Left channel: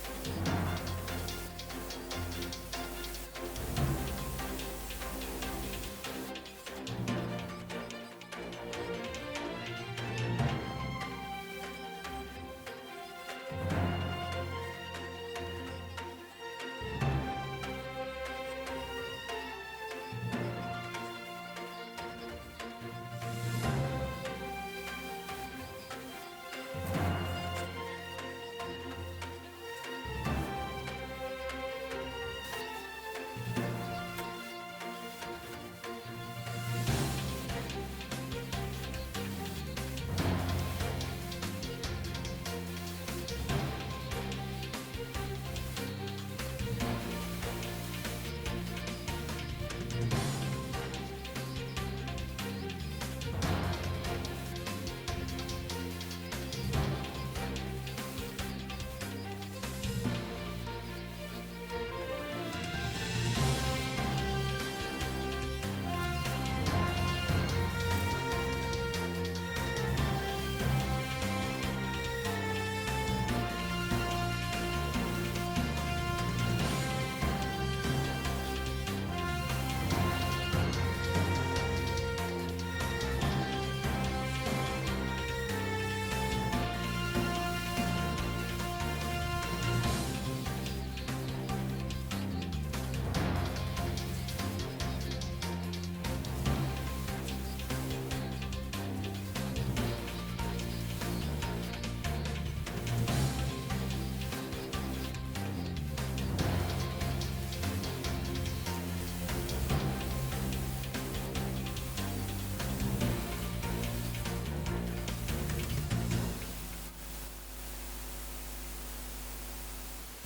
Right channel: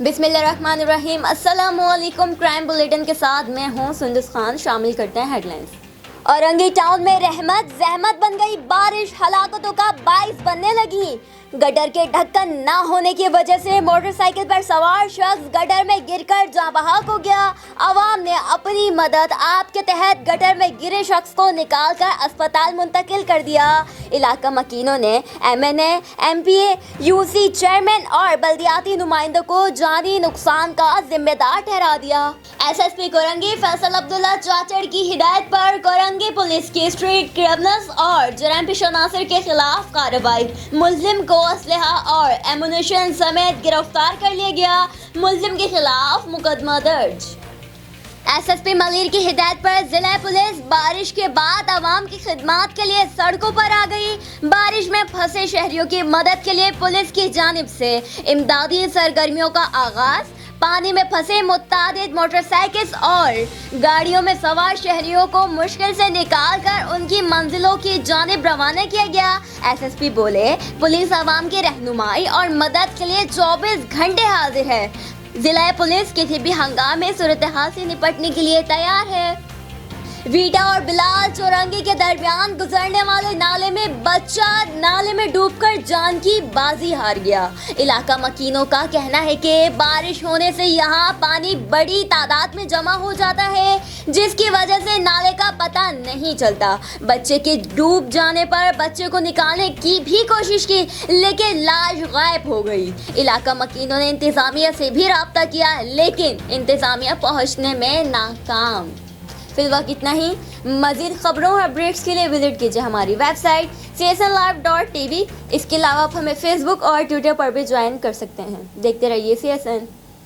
बिस्मिल्लाहिर्रहमानिर्रहीम। अस्सलामुअलैकुम। Crime bulletin के साथ मैं हूँ सुंदस खान। शामिल करते हैं हेडलाइंस। औरंगी टाउन में रहमत जहमत बन गई बारिश, हलाकतों का बाइस बनने लगी। गटर के ढक्कन न होने की वजह से मोटरसाइकिल पर सवार शख्स गटर में गिरकर जाँ बहक हो गया। अवाम ने अपनी मदद ऐप के तहत गटर में गिरे शख्स को निकालकर अस्पताल मुंतकिल कर दिया। इलाका मकीनों ने MNA, MPA, UC चेयरमैन और बल्दियाती नुमाइंदों को जानी नुकसान का जिम्मेदार ठहरा दिया। SSP कोरंगी फैसल अब्दुल्ला चाचड़ की हिदायत पर कोरंगी पुलिस की स्ट्रीट क्रिमिनल्स और जराइम पेशा अनासर के खिलाफ कार्रवाई। मुल्जिम को असलहा और एमुनेशन समेत गिरफ्तार कर लिया गया। मुल्जिम के खिलाफ मुकदमा दर्ज। SSP मलीर की हिदायत पर जिला पुलिस बारिश के बाद आवाम की खिदमत के लिए सड़कों पर आ गई। बारिश में फंसे शहरियों की मदद के लिए पुलिस की जानिब से इमदादी सरगर्मियों का आगाज। पानी में फंसे मुतादिद मोटरसाइकिल और गाड़ियों में सवार शहरियों को मुश्किल से निकालकर उनकी मंजिलों की जानिब रवाना किया गया। SSP बोले, पुलिस आवाम की रहनुमाई और मदद के लिए 24 घंटे हाजिर है। जिला पुलिस किसी भी हंगामे सूरत हाल से निपटने के लिए तैयार है। वीटा और बिलाल चौरंगी के दरमियान गुजरने वाले नाले में बच्चा नाले में डूबकर जान की बाजी हार गया। इलाका मकीनों का कहना है कि बारिश होने से यहाँ पानी बड़ी तादाद में जमा हो जाता है, जिसकी वजह से नाले का पता नहीं चलता। बच्चे के डूब जाने पर बच्चे को निकालने की भी कोशिश की, लेकिन लाश गायब हो गई। इलाका मकीनों ने इंतजामिया से भी राब्ता किया, लेकिन इंतजामिया पहुँचने में नाकाम। फिलहाल इतना ही। मज़ीद खबरों और अपडेट्स के लिए विजिट कीजिए हमारी वेबसाइट csnlive.tv। इसके अलावा आप हमें फेसबुक और ट्विटर पर भी ज्वाइन कर सकते हैं। देखते रहिए CSN।